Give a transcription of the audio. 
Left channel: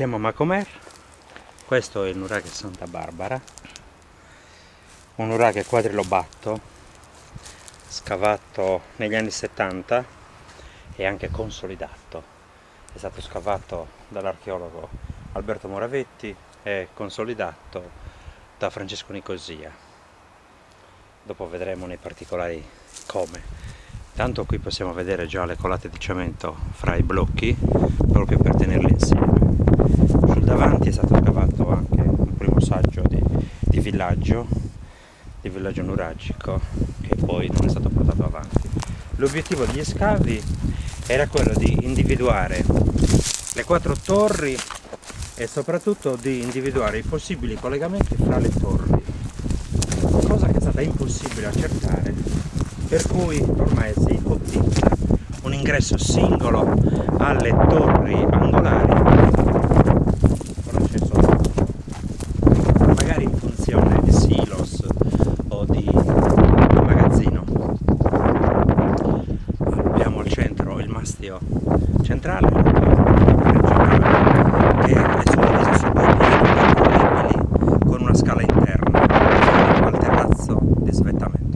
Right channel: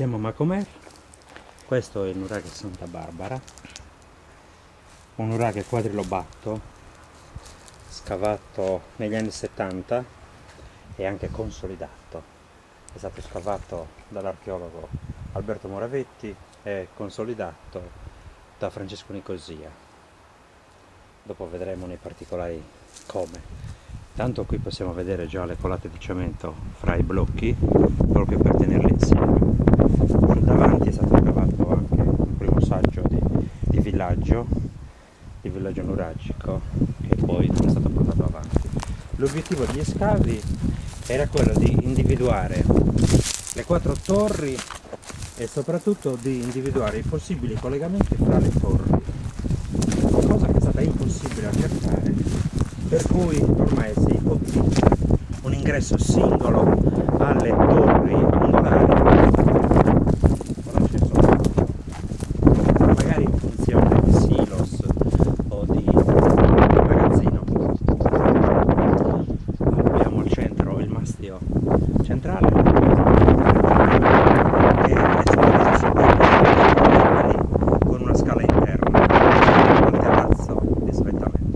Siamo a Macomer, questo è il nuraghe Santa Barbara, un nuraghe quadrilobato scavato negli anni 70 e anche consolidato. È stato scavato dall'archeologo Alberto Moravetti e consolidato da Francesco Nicosia. Dopo vedremo nei particolari come. Tanto qui possiamo vedere già le colate di cemento fra i blocchi, proprio per tenerli insieme. Sul davanti è stato scavato anche un primo saggio di villaggio nuragico, che poi non è stato portato avanti. L'obiettivo degli scavi era quello di individuare le 4 torri e soprattutto di individuare i possibili collegamenti fra le torri, cosa che è stata impossibile accertare, per cui ormai si ipotizza un ingresso singolo alle torri angolari con accesso all'alto, magari in funzione di silos o di magazzino. Abbiamo al centro il mastio centrale, principale, che è suddiviso su 2 piani percorribili con una scala interna al terrazzo di svettamento.